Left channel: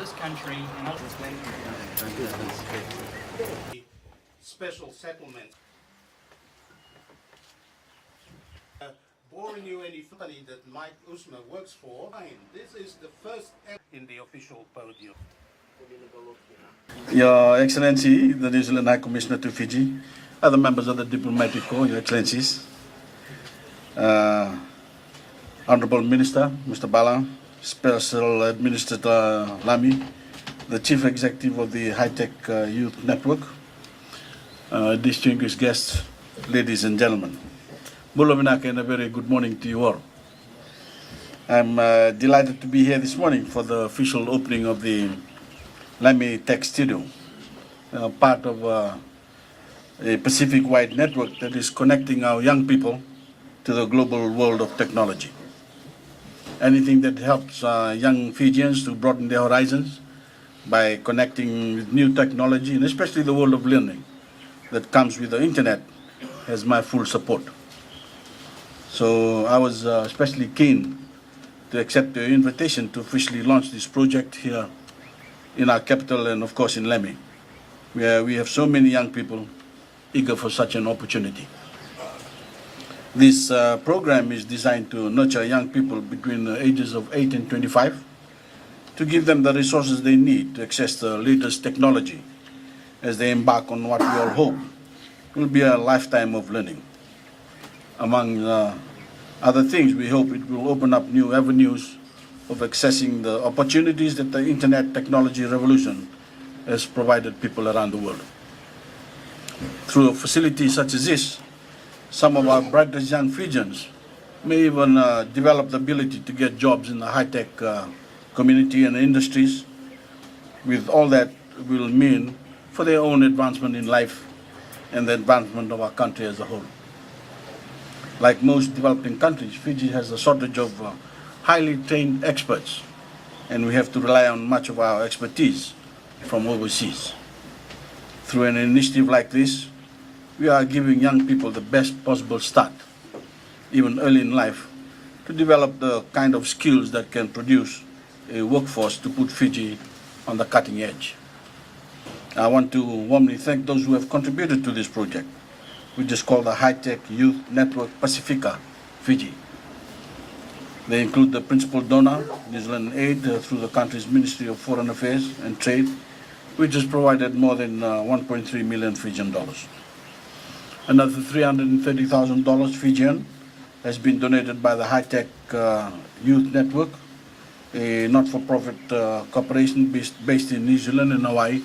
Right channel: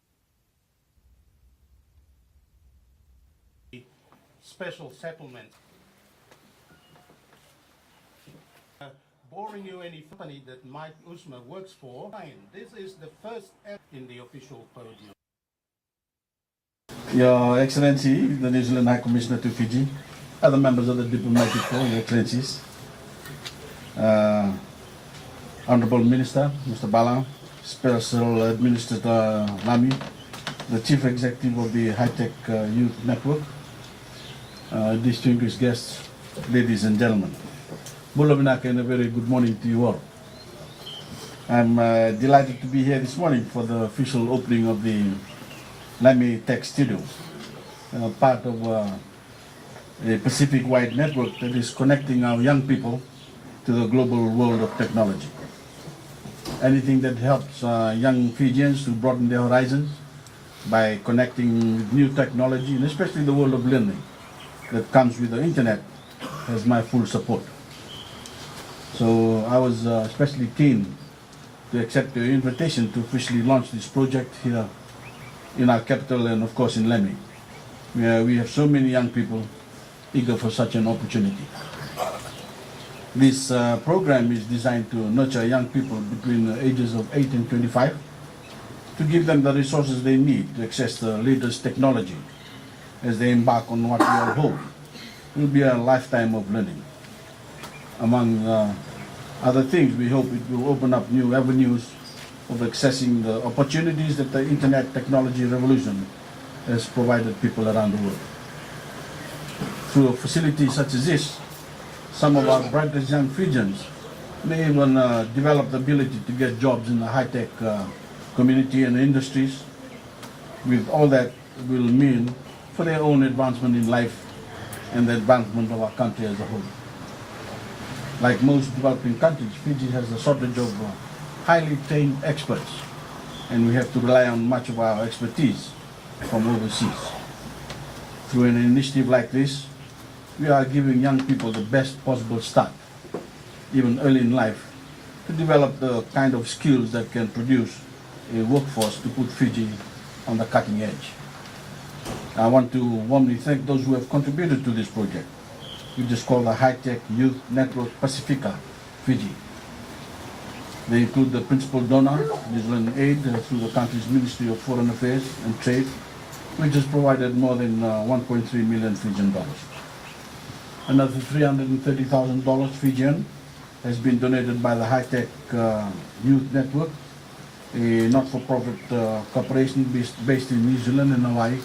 this country and special settlement. Boring you any company that Mike Usma works for. This is the first in the official podium. Your Excellency, the New Zealand High Commissioner to Fiji, other members of the Diplomatic Corps, Your Excellencies, Honorable Minister, Mr. Bala, Special Administrator Lami, the Chief Executive of the High-Tech Youth Network, distinguished guests, ladies and gentlemen. Bulovinaka, and a very good morning to you all. I'm delighted to be here this morning for the official opening of the Lami Tech Studio, part of a Pacific-wide network that is connecting our young people to the global world of technology. Anything that helps young Fijians to broaden their horizons by connecting with new technology, and especially the world of learning that comes with the internet, has my full support. So I was especially keen to accept your invitation to officially launch this project here in our capital and of course in Lami, where we have so many young people eager for such an opportunity. This program is designed to nurture young people between the ages of 8 and 25 to give them the resources they need to access the latest technology as they embark on what we all hope will be a lifetime of learning. Among other things, we hope it will open up new avenues of accessing the opportunities that the internet technology revolution has provided people around the world. Through a facility such as this, some of our brightest young Fijians may even develop the ability to get jobs in the high-tech community and industries, with all that will mean for their own advancement in life and the advancement of our country as a whole. Like most developing countries, Fiji has a shortage of highly trained experts, and we have to rely on much of our expertise from overseas. Through an initiative like this, we are giving young people the best possible start, even early in life, to develop the kind of skills that can produce a workforce to put Fiji on the cutting edge. I want to warmly thank those who have contributed to this project, which is called the High-Tech Youth Network Pacifica, Fiji. They include the principal donor, New Zealand Aid, through the country's Ministry of Foreign Affairs and Trade, which has provided more than 1.3 million Fijian dollars. Another $330,000 Fijian has been donated by the High-Tech Youth Network, a not-for-profit corporation based in New Zealand and Hawaii,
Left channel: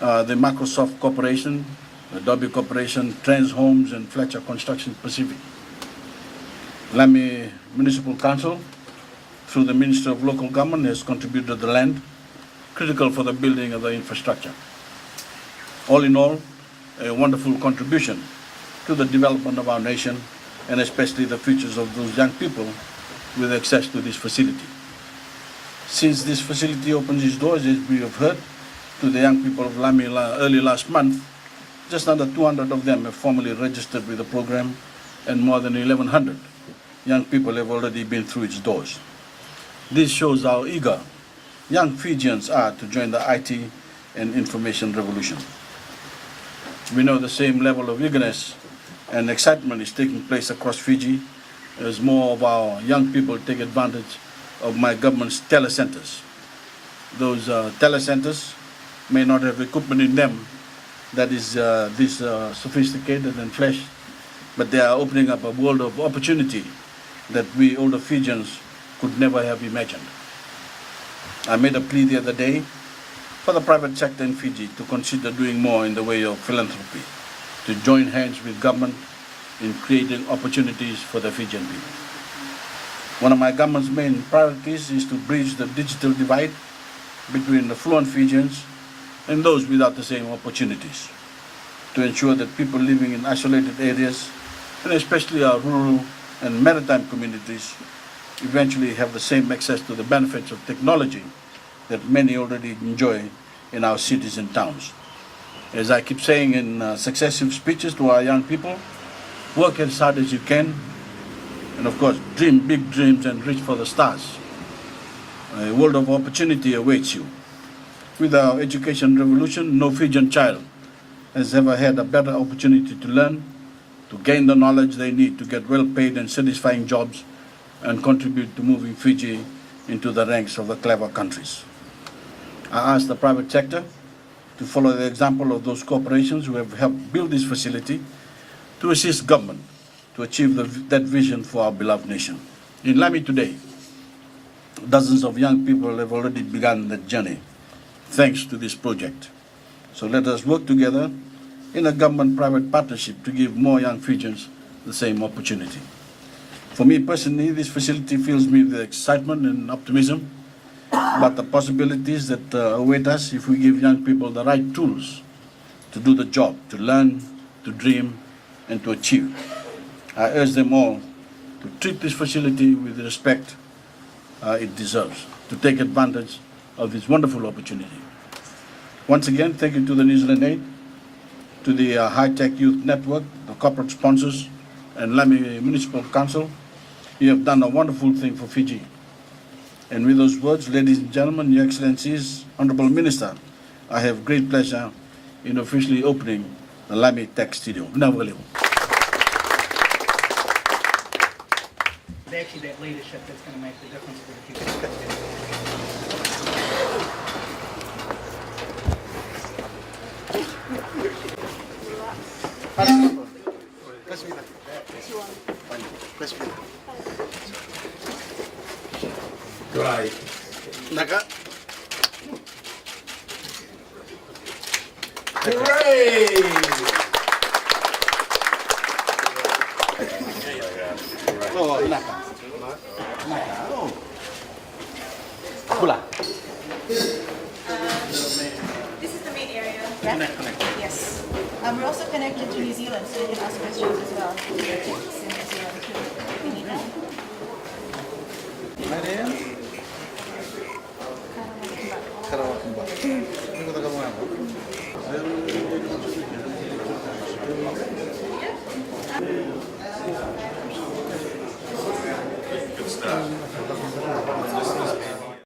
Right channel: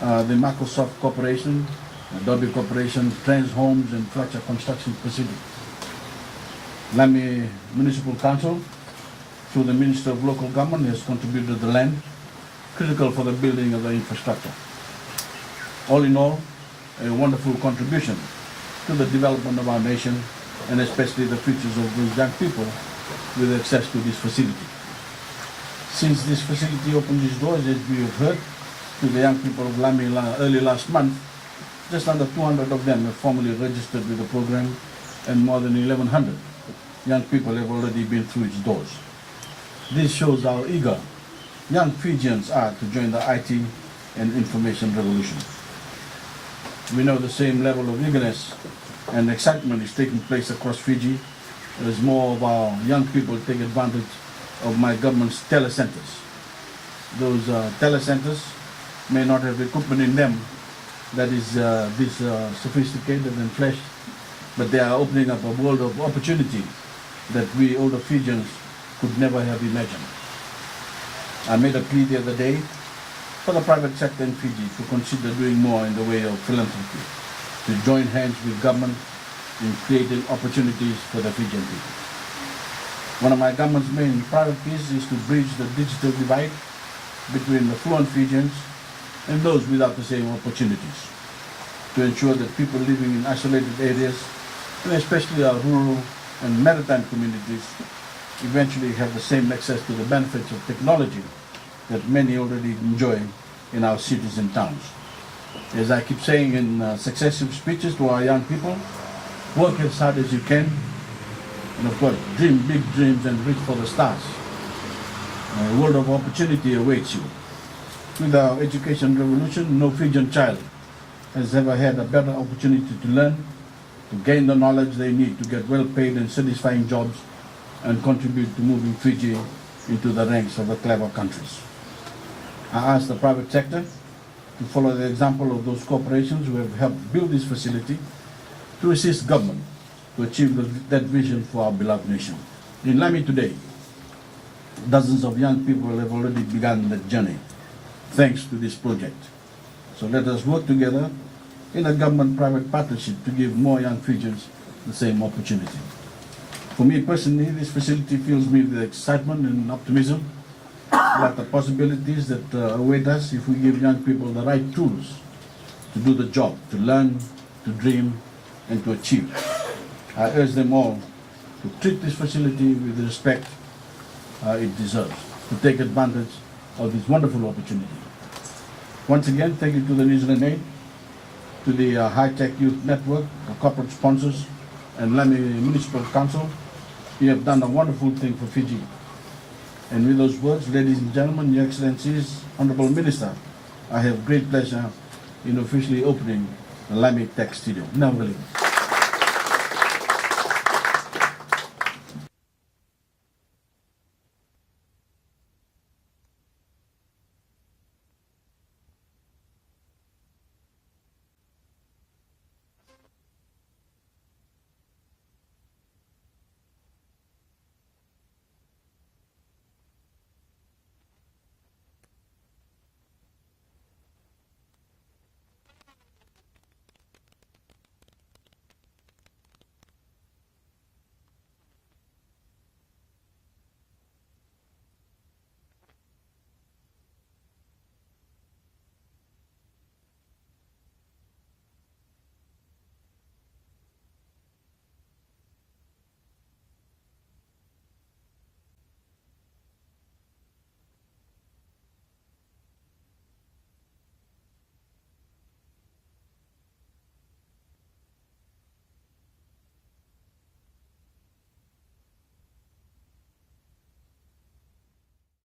the Microsoft Corporation, Adobe Corporation, Trans Homes, and Fletcher Construction Pacific. Lami Municipal Council, through the Minister of Local Government, has contributed the land critical for the building of the infrastructure. All in all, a wonderful contribution to the development of our nation, and especially the futures of those young people with access to this facility. Since this facility opens its doors, as we have heard, to the young people of Lami early last month, just under 200 of them have formally registered with the program, and more than 1,100 young people have already been through its doors. This shows how eager young Fijians are to join the IT and information revolution. We know the same level of eagerness and excitement is taking place across Fiji as more of our young people take advantage of my government's telecenters. Those telecenters may not have equipment in them that is this sophisticated and flashy, but they are opening up a world of opportunity that we older Fijians could never have imagined. I made a plea the other day for the private sector in Fiji to consider doing more in the way of philanthropy, to join hands with government in creating opportunities for the Fijian people. One of my government's main priorities is to bridge the digital divide between the fluent Fijians and those without the same opportunities, to ensure that people living in isolated areas, and especially our rural and maritime communities, eventually have the same access to the benefits of technology that many already enjoy in our cities and towns. As I keep saying in successive speeches to our young people, work as hard as you can, and of course, dream big dreams and reach for the stars. A world of opportunity awaits you. With our education revolution, no Fijian child has ever had a better opportunity to learn, to gain the knowledge they need to get well-paid and satisfying jobs and contribute to moving Fiji into the ranks of the clever countries. I ask the private sector to follow the example of those corporations who have helped build this facility to assist government to achieve that vision for our beloved nation. In Lami today, dozens of young people have already begun that journey thanks to this project. So let us work together in a government-private partnership to give more young Fijians the same opportunity. For me personally, this facility fills me with excitement and optimism about the possibilities that await us if we give young people the right tools to do the job, to learn, to dream, and to achieve. I urge them all to treat this facility with the respect it deserves, to take advantage of this wonderful opportunity. Once again, thank you to the New Zealand Aid, to the High-Tech Youth Network, the corporate sponsors, and Lami Municipal Council. You have done a wonderful thing for Fiji. And with those words, ladies and gentlemen, Your Excellencies, Honorable Minister, I have great pleasure in officially opening the Lami Tech Studio. Actually, that leadership that's going to make the difference for the future. Right. Naka. Hooray! Oh, naka. Naka. Oh. Pula. This is the main area. Connect. Yes. We're also connected to New Zealand, so you can ask questions as well. It's in New Zealand too. We need that.